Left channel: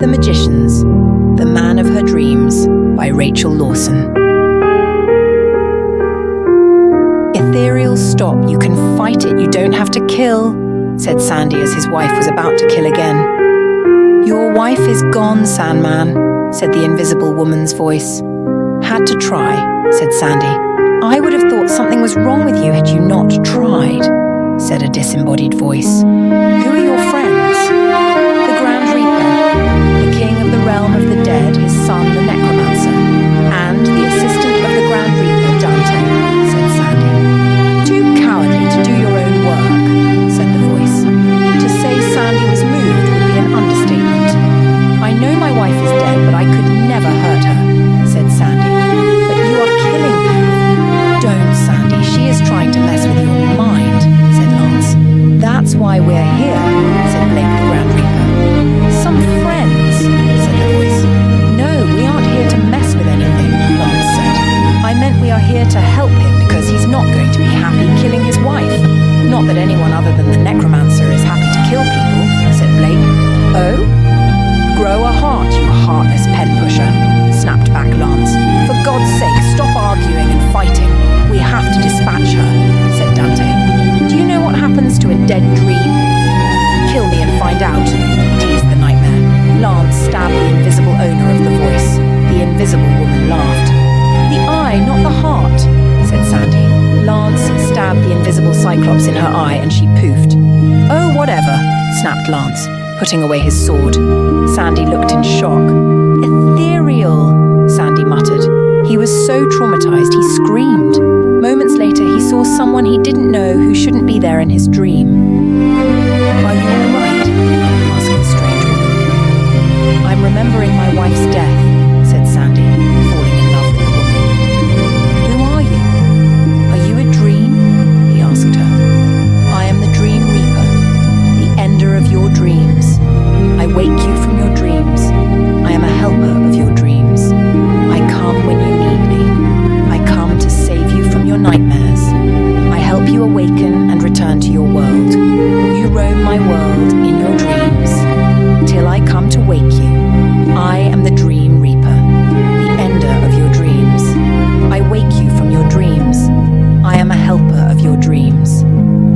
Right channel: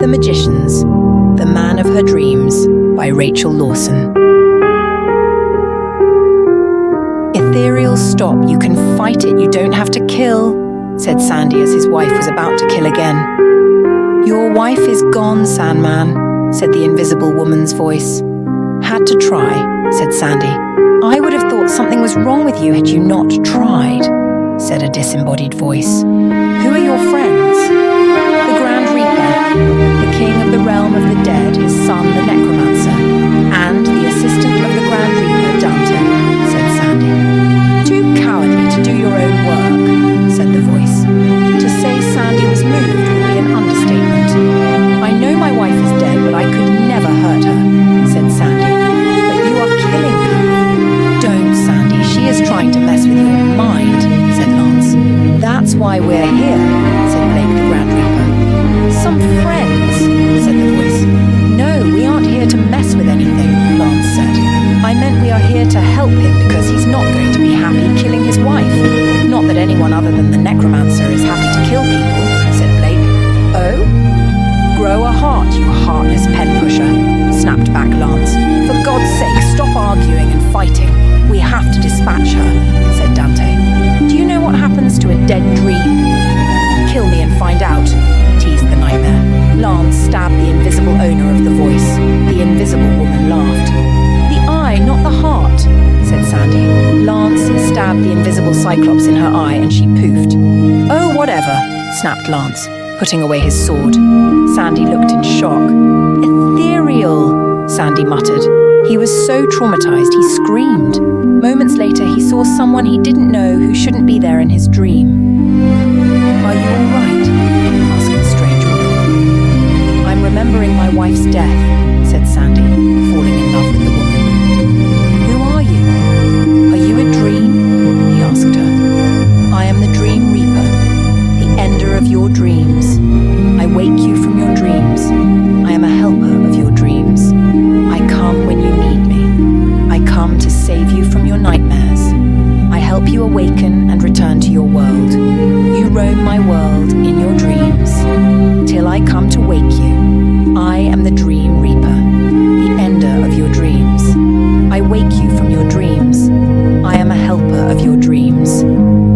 The Magicians, The Man of Her Dreams by Rachel Lawson. Ethereal, stop, you can fight it, you don't have to kill, said Sandy as his wife was about to kill again. Your wife is gone, Sandman, said the invisible woman's voice. Had to try, said Sandy. I would have thought something was wrong with you had you not tried, said a disembodied voice. Who are your friends? The Grand Reaper, the king of the realm of the dead, his son the necromancer, and the assistant of the Grand Reaper, Dante, said Sandy. Too cowardly to do your own work, said the voice. To say Sandy was moved would be an understatement. I know my wife is dead, but I could never hurt her, said Sandy. But you are killing people. Don't, Sandy, she is trying to mess with your mind, said Lance. That's why we're here, said Blake the Grand Reaper. Some friends, said the voice. No, we aren't here to mess with anything, Lance said. I meant we are here to help him because he's not going to be happy killing his wife. Not that anyone other than the necromancer is happy to kill people, said Blake. Oh? Grow a heart, you heartless pen pusher, snapped back Lance. For God's sake, stop arguing and fighting. We have to dispatch her, said Dante. Do you know what happens to a dead dream? Kill me and find out, teased the nightmare. Lance stabbed the invisible owner of the voice. The invisible woman laughed. The eye, not the heart, said Sandy. Lance stabbed the invisible cyclops in her eye and she poofed. Oh, whatever, snapped Lance, putting away his sword. Sandy looked in shock. Ethereal, Sandy muttered. He was so traumatized he screamed. Moments later, he saw someone he didn't know who shouldn't be there in his dream. Are you all right? Asked the strange woman. I'm remembering my wife's death, said Sandy, falling in love with the woman. Who are you? Are you a dream? He asked her. I am the Dream Reaper, the ender of your dreams. I wake you from your dreams. I am a helper of your dreams. I come when you need me. I come to save you from your nightmares. I help you awaken and return to your world. You roam my world in your dreams, till I come to wake you. I am the Dream Reaper, the ender of your dreams. I wake you from your dreams. I am a helper of your dreams.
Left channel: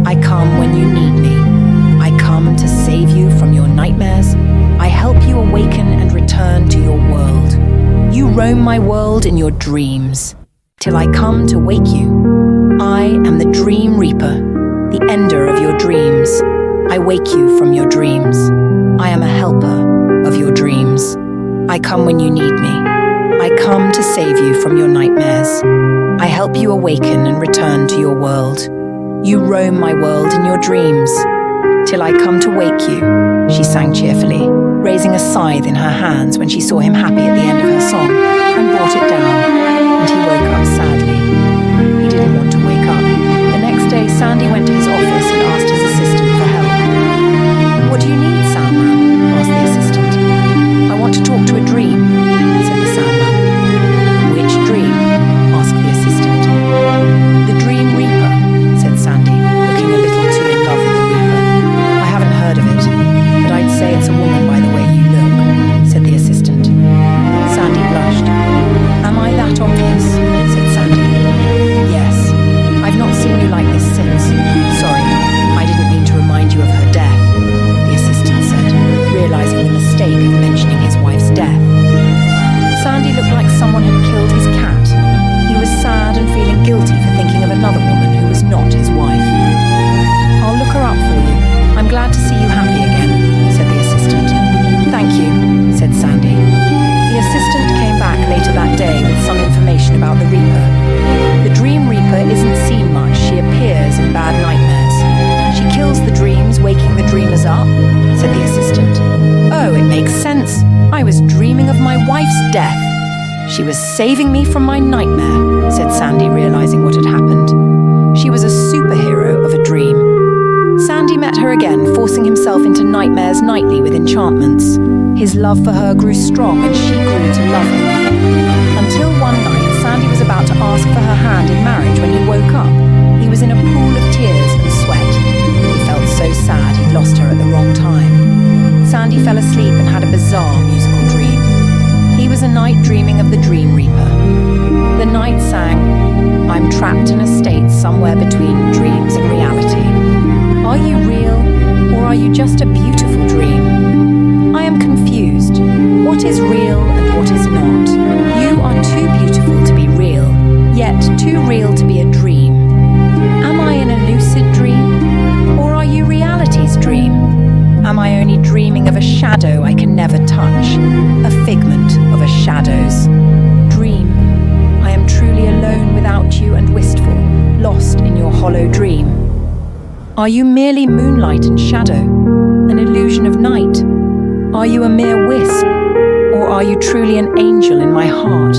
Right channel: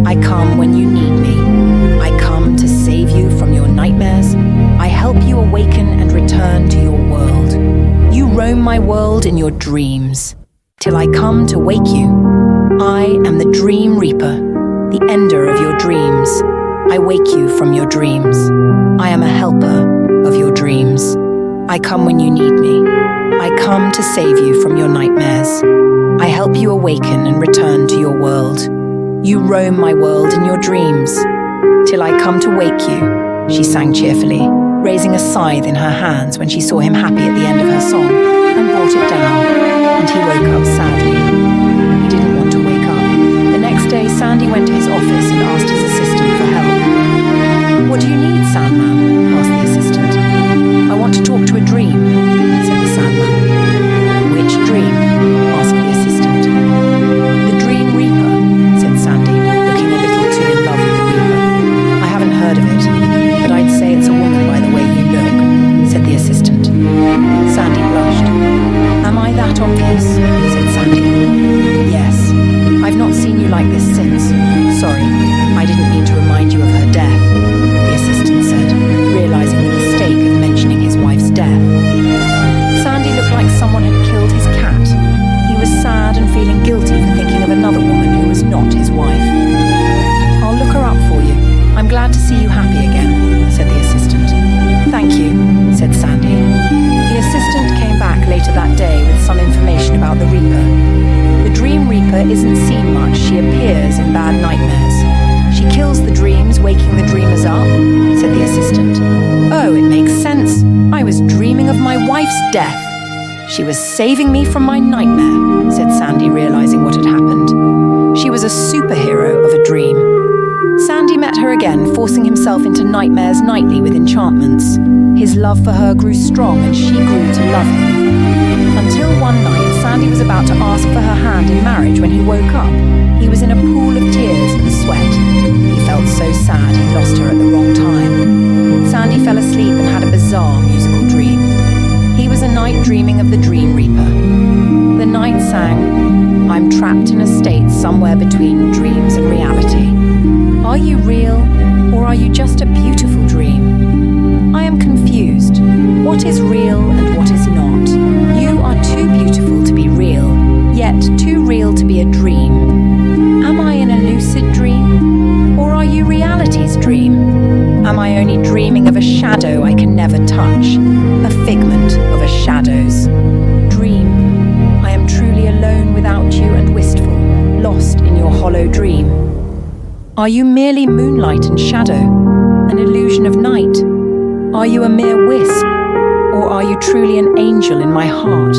I come when you need me. I come to save you from your nightmares. I help you awaken and return to your world. You roam my world in your dreams, till I come to wake you. I am the Dream Reaper, the ender of your dreams. I wake you from your dreams. I am a helper of your dreams. I come when you need me. I come to save you from your nightmares. I help you awaken and return to your world. You roam my world in your dreams, till I come to wake you, she sang cheerfully, raising a scythe in her hands when she saw him happy at the end of her song, and brought it down, and he woke up sadly. He didn't want to wake up. The next day, Sandy went to his office and asked his assistant for help. What do you need, Sandman? Asked the assistant. I want to talk to a dream, said the Sandman. Which dream? Asked the assistant. The Dream Reaper, said Sandy, looking a little too in love with the Reaper. I haven't heard of it, but I'd say it's a woman by the way you look, said the assistant. Sandy blushed. Am I that obvious? Said Sandy. Yes. I've not seen you like this since. Sorry, I didn't mean to remind you of her death, the assistant said, realizing the mistake of mentioning his wife's death. Sandy looked like someone had killed his cat. He was sad and feeling guilty for thinking of another woman who was not his wife. I'll look her up for you. I'm glad to see you happy again, said the assistant. Thank you, said Sandy. The assistant came back later that day with some information about the Reaper. The Dream Reaper isn't seen much. She appears in bad nightmares. She kills the dreams, waking the dreamers up, said the assistant. Oh, it makes sense. I was dreaming of my wife's death. She was saving me from my nightmare, said Sandy, realizing what had happened. She was a superhero of a dream. Sandy met her again, forcing himself into nightmares nightly with enchantments. His love for her grew strong and she grew to love him. Until one night, Sandy was about to ask for her hand in marriage when he woke up. He was in a pool of tears and sweat. He felt so sad he'd lost her at the wrong time. Sandy fell asleep and had a bizarre musical a night dreaming of the Dream Reaper. The night sang, "I'm trapped in a state somewhere between dreams and reality. Are you real, or are you just a beautiful dream? I am confused. What is real and what is not? You are too beautiful to be real, yet too real to be a dream. Am I in a lucid dream, or are you reality's dream? Am I only dreaming of a shadow I can never touch, a figment of a shadow's dream? I am truly alone without you and wistful, lost in your hollow dream. Are you merely moonlight and shadow, an illusion of night? Are you a mere wisp, or are you truly an angel in my heart?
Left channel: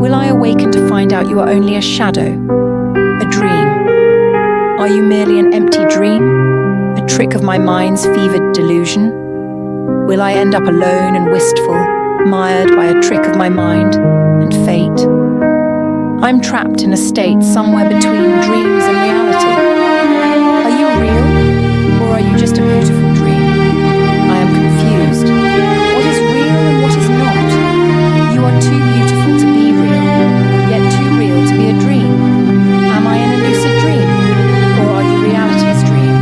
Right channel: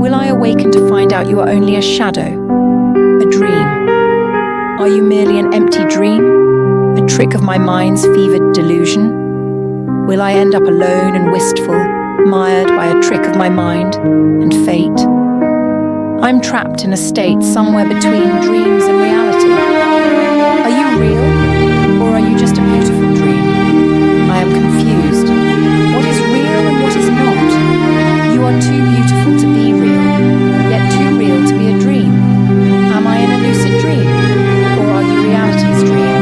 Will I awaken to find out you are only a shadow, a dream? Are you merely an empty dream, a trick of my mind's fevered delusion? Will I end up alone and wistful, mired by a trick of my mind and fate? I'm trapped in a state somewhere between dreams and reality. Are you real, or are you just a beautiful dream? I am confused. What is real and what is not? You are too beautiful to be real, yet too real to be a dream. Am I in a lucid dream, or are you reality's dream?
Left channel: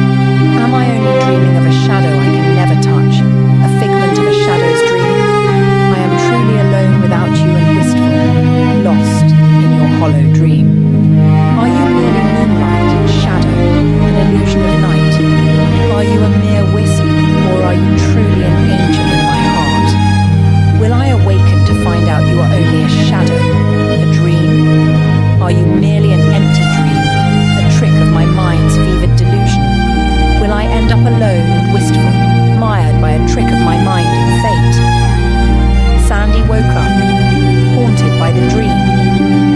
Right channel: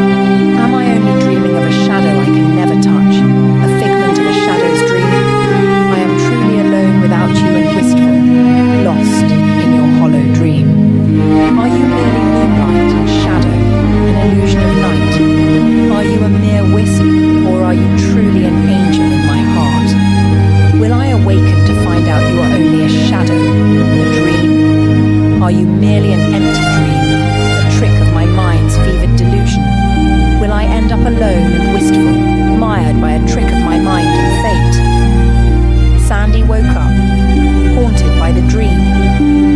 Am I only dreaming of a shadow I can never touch, a figment of a shadow's dream? I am truly alone without you and wistful, lost in your hollow dream. Are you merely moonlight and shadow, an illusion of night? Are you a mere wisp, or are you truly an angel in my heart? Will I awaken to find out you are only a shadow, a dream? Are you merely an empty dream, a trick of my mind's fevered delusion? Will I end up alone and wistful, mired by a trick of my mind and fate? Sandy woke up, haunted by the dream.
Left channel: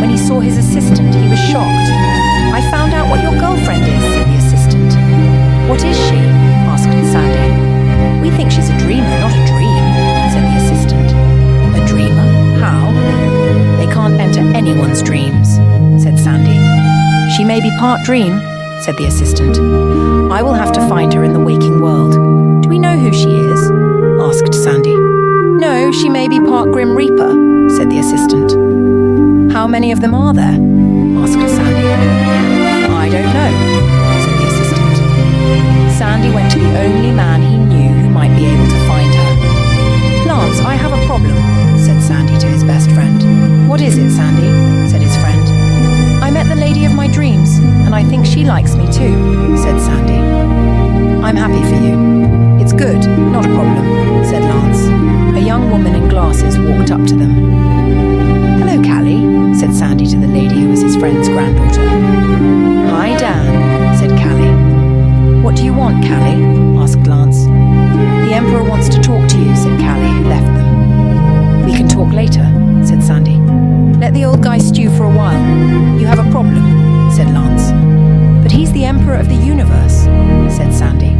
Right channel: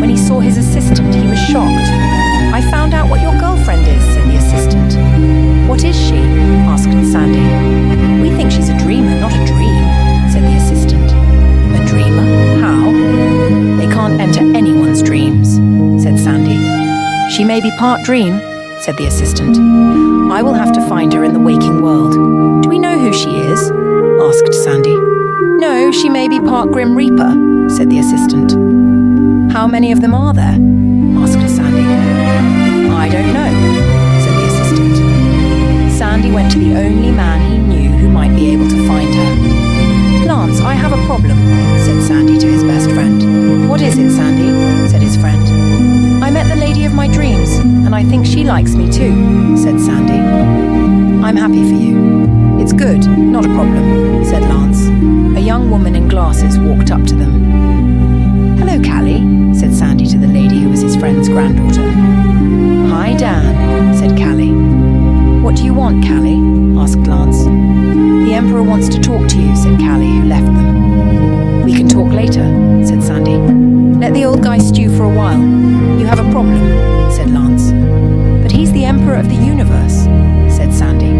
When he saw his assistant, he was shocked. "I found out what your girlfriend is," said the assistant. "What is she?" asked Sandy. "We think she's a dreamer, not a dream," said the assistant. "A dreamer? How?" "They can't enter anyone's dreams," said Sandy. "She may be part dream," said the assistant. "I will have to find her in the waking world." "Do we know who she is?" asked Sandy. "No, she may be part Grim Reaper," said the assistant. "How many of them are there?" asked Sandy. "I don't know," said the assistant. Sandy went to the only man he knew who might be able to find her. "Lance, I have a problem," said Sandy to his best friend. "What is it, Sandy?" said his friend. "I met the lady of my dreams, and I think she likes me too," said Sandy. "I'm happy for you." "It's good, not a problem," said Lance. A young woman in glasses walked up to them. "Hello, Callie," said Sandy to the lady who was his friend's granddaughter. "Hi, Dan," said Callie. "What do you want, Callie?" asked Lance. "The Emperor wants to talk to you," said Callie, who left them. "We can talk later," said Sandy. "Let the old guy stew for a while. You have a problem," said Lance. "But he's the Emperor of the universe," said Sandy.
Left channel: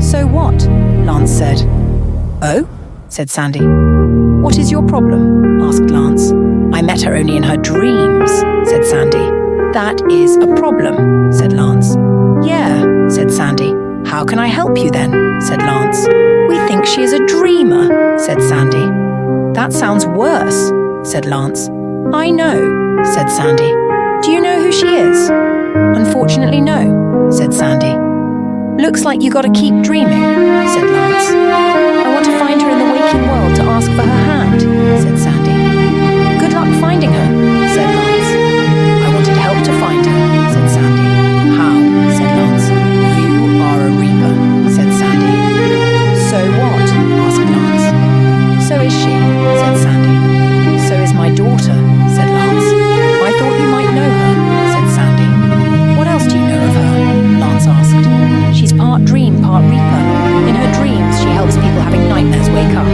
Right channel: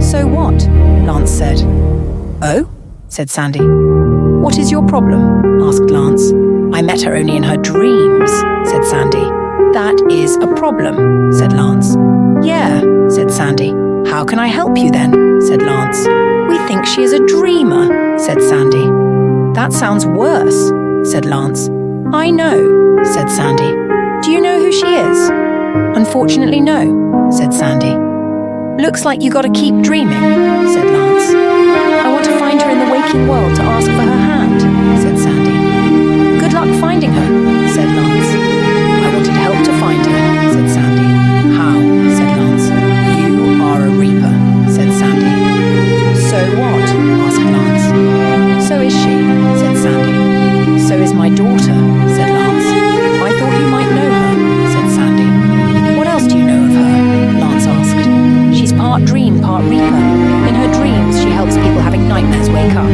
"So what?" Lance said. "Oh?" said Sandy. "What is your problem?" asked Lance. "I met her only in her dreams," said Sandy. "That is a problem," said Lance. "Yeah," said Sandy. "How can I help you then?" said Lance. "We think she is a dreamer," said Sandy. "That sounds worse," said Lance. "I know," said Sandy. "Do you know who she is?" "Unfortunately, no," said Sandy. "Looks like you gotta keep dreaming," said Lance. "I want to find her in the waking world to ask for her hand," said Sandy. "Good luck finding her," said Lance. "I wanted help to find her," said Sandy. "How?" said Lance. "You are a Reaper," said Sandy. "So what?" asked Lance. "So is she," said Sandy. "So is my daughter," said Lance. "I thought you might know her," said Sandy. "What else do you know of her?" Lance asked. "She's part dream, part Reaper. In her dreams, she helps people having nightmares wake up.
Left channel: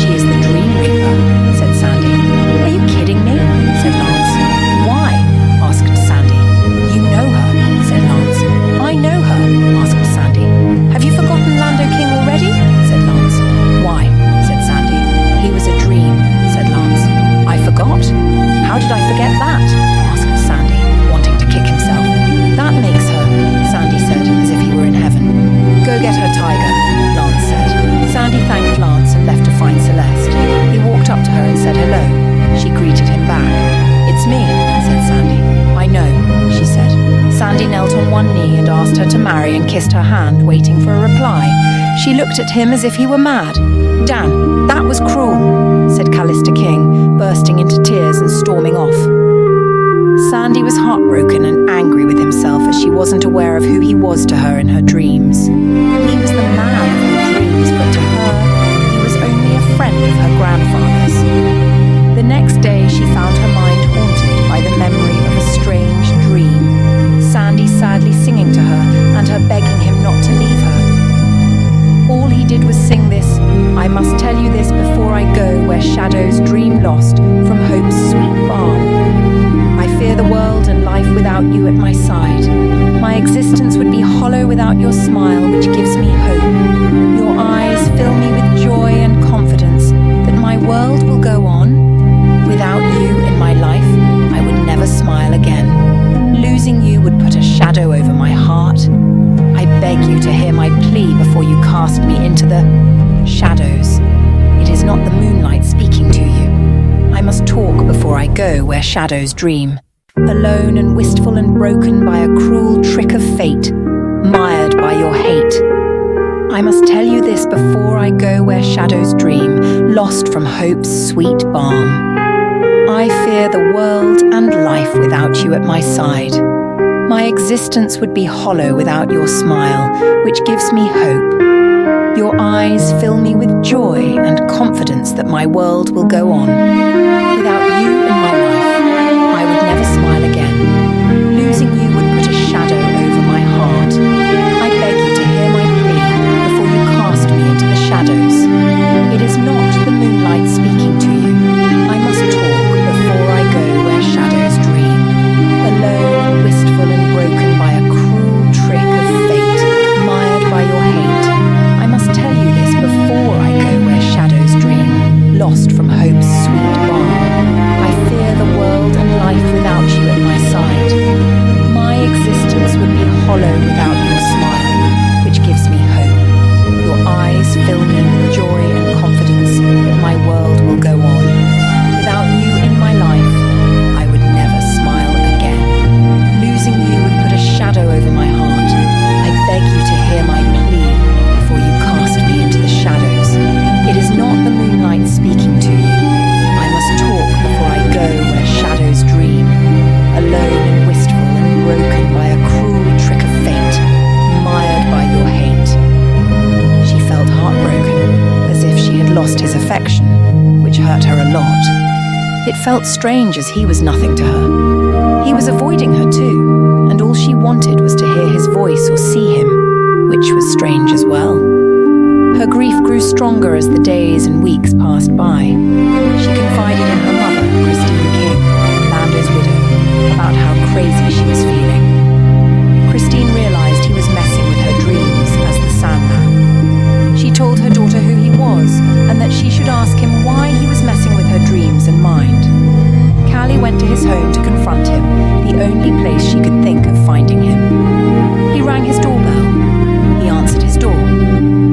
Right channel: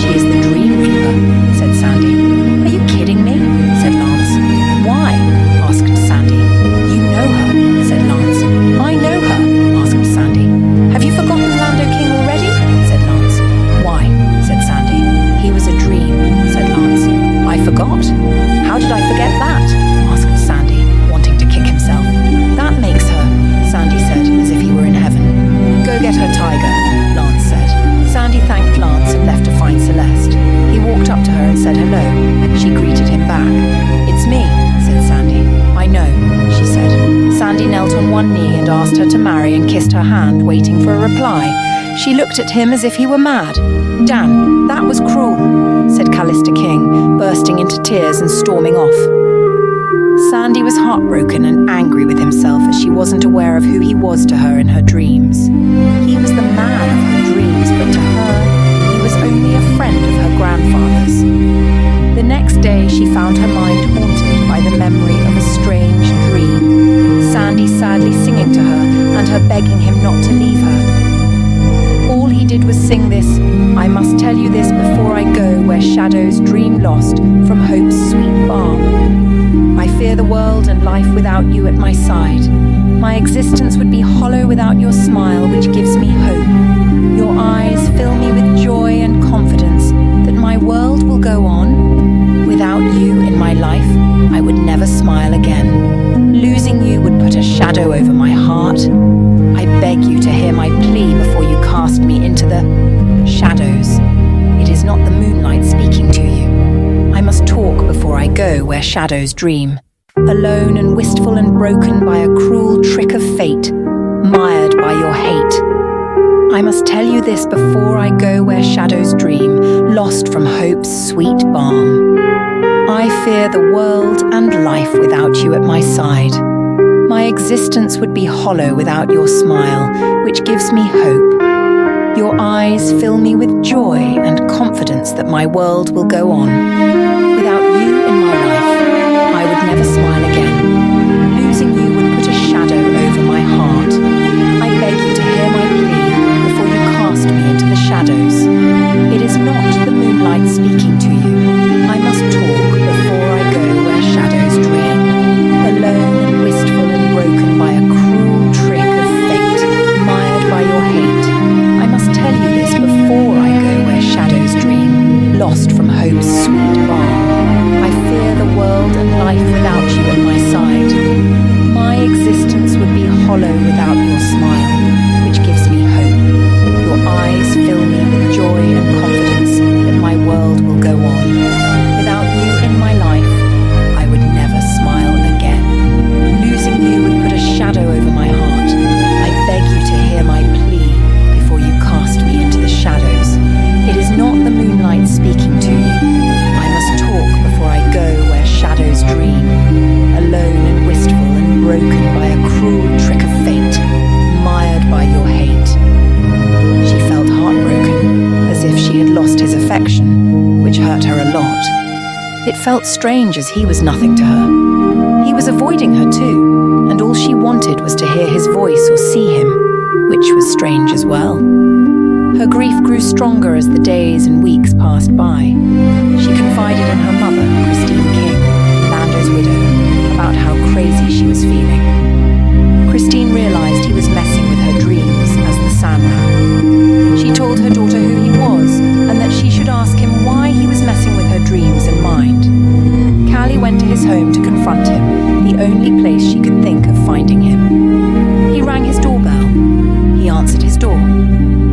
She is the Dream Reaper," said Sandy. "Are you kidding me?" said Lance. "Why?" asked Sandy. "You know her," said Lance. "I know her," asked Sandy. "Have you forgotten Lando King already?" said Lance. "Why?" said Sandy. "He was a dream," said Lance. "I forgot? How did I forget that?" asked Sandy, wanting to kick himself. "That makes her," Sandy said, as if he were in heaven. "Go get her, Tiger," Lance said. Sandy thanked Lance and left to find Celeste. He walked up to her and said hello. She greeted him back. "It's me," said Sandy. "I know," she said. Sandy knelt on one knee and asked her to marry and kissed her hand, waiting for a reply. She looked at him as if he were mad. "Dan, that was cruel," said Callista King, bursting into tears and storming off. Sandy was heartbroken and angry with himself as she wasn't aware of who he was to her in her dreams. He was the man of her dreams, but to her, he was only a friend of her grandfather's. The next day, she found her mind haunted by the memory of a strange dream. Sandy sadly singing to her and her begging him not to leave her. All he did was sing this, "I must tell you this before I go, where shadows dream lost from hope's sweet balm. I fear the world and life without you at my side. My existence would be hollow without your smile, which gives me hope. Your eyes fill me with joy and confidence that my world will go on. Without you in my life, I would never smile again. Losing you would put a shadow over my heart. I beg you to hear my plea before you cast me into the shadows. It is not the moonlight speaking to you. I must talk before I go where shadows dream. Alone and wistful and broken by a cruel trick of fate, mired by your hate. I must tell you this before I go where shadows dream, lost from hope's sweet balm. I fear the world and life without you at my side. My existence would be hollow without your smile, which gives me hope. Your eyes fill me with joy and confidence that my world will go on. Without you in my life, I would never smile again. Losing you would put a shadow over my heart. I beg you to hear my plea before you cast me into the shadows. It is not the moonlight speaking to you. I must talk before I go where shadows dream. Alone and wistful and broken by a cruel trick of fate, mired by your hate. I must tell you this before I go where shadows dream, lost from hope's sweet balm. I fear the world and life without you at my side. My existence would be hollow without your smile, which gives me hope. Your eyes fill me with joy and confidence that my world will go on. Without you in my life, I would never smile again. Losing you would put a shadow over my heart. I beg you to hear my plea before you cast me into the shadows. It is not the moonlight speaking to you. I must talk before I go where shadows dream, alone and wistful and broken by a cruel trick of fate, mired by your hate. She felt heartbroken, as if she had lost his affection, which hurt her a lot. It felt strange as he was nothing to her. He was avoiding her too, and all she wanted was to hear his voice or see him, which was strange as well. Her grief grew stronger as the days and weeks passed by. She confided in her mother, Christine King, Lando's widow, about how crazy she was feeling. Christine realized he was messing with her dreams as the Sandman. She told her daughter who he was and that she should ask him why he was messing with her dreams and mind. Callie went to his home to confront him, the only place she could think of finding him. He rang his doorbell. He answered his door.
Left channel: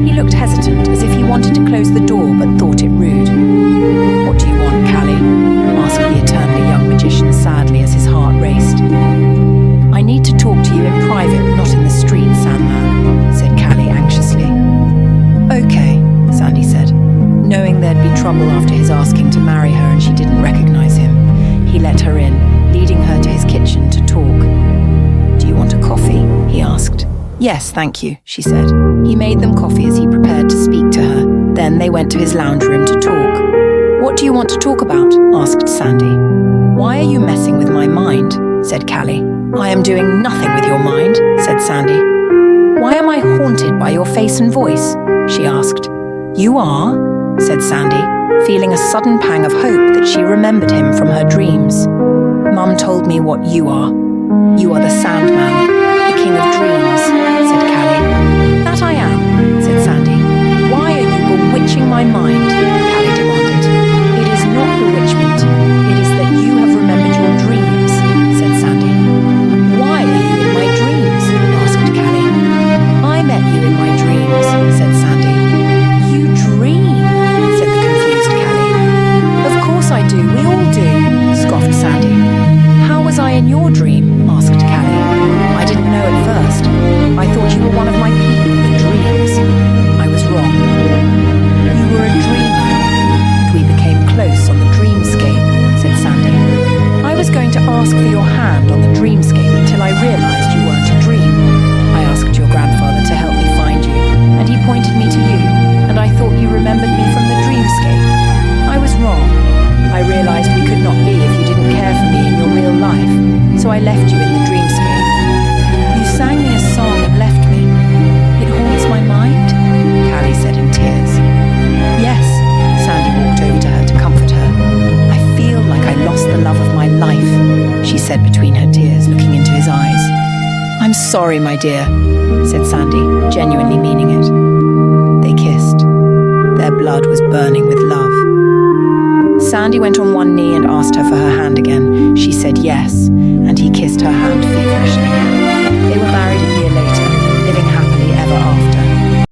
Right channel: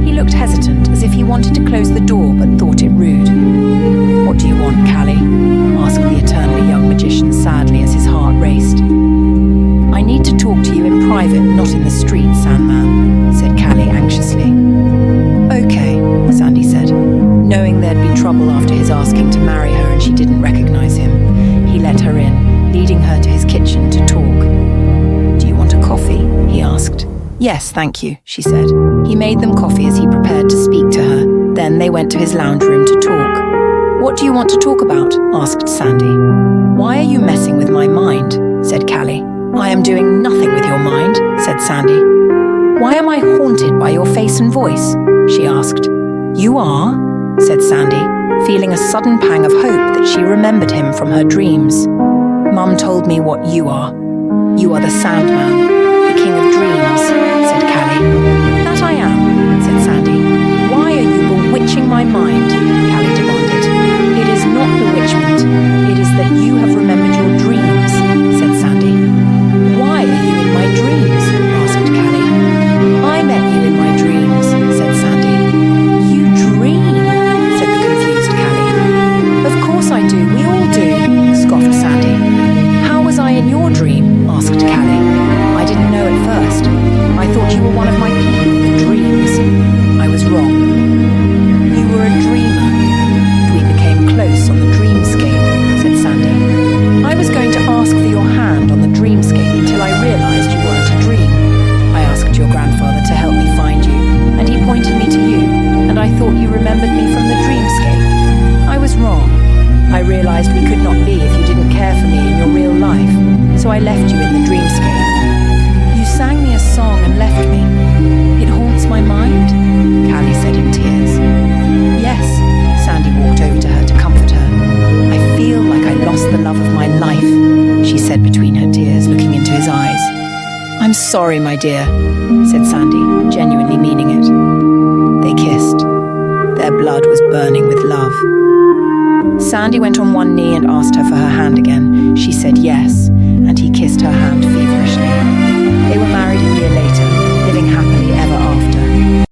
He looked hesitant, as if he wanted to close the door but thought it rude. "What do you want, Callie?" asked the eternally young magician sadly as his heart raced. "I need to talk to you in private, not in the street, Sandman," said Callie anxiously. "Okay," Sandy said, knowing there'd be trouble after his asking to marry her and she didn't recognize him. He let her in, leading her to his kitchen to talk. "Do you want a coffee?" he asked. "Yes, thank you," she said. He made them coffee as he prepared to speak to her. Then they went to his lounge room to talk. "What do you want to talk about?" asked Sandy. "Why are you messing with my mind?" said Callie. "I am doing nothing with your mind," said Sandy. "Why am I haunted by your face and voice?" she asked. "You are," said Sandy, feeling a sudden pang of hope that she remembered him from her dreams. "Mum told me what you are. You are the Sandman, the king of dreams," said Callie. "That I am," said Sandy. "Why are you bewitching my mind?" Callie demanded. "It is not bewitchment. It is that you have remembered your dreams," said Sandy. "Why are you in my dreams?" asked Callie. "I met you in my dreams," said Sandy. "You dream," said the confused Callie. you were one of my people, the dreams. I was wrong. You were a dreamer, and we became close on the dreamscape, said Sandy. I was going to ask for your hand on the dreamscape until I realized you weren't a dream. I asked your grandfather to help me find you, and he pointed me to you, and I thought you remembered me from the dreamscape. I was wrong. I realized we could not be if you didn't care for me in your real life, so I left you in the dreamscape. You sang me a song and left me. It haunts my mind, Callie said in tears. Yes, Sandy walked over to her to comfort her. I feel like I lost the love of my life, she said between her tears, looking into his eyes. I'm sorry, my dear, said Sandy, genuinely meaning it. They kissed. Their blood was burning with love. Sandy went on one knee and asked her for her hand again. She said yes, and he kissed her hand feverishly. They were married a year later, living happily ever after.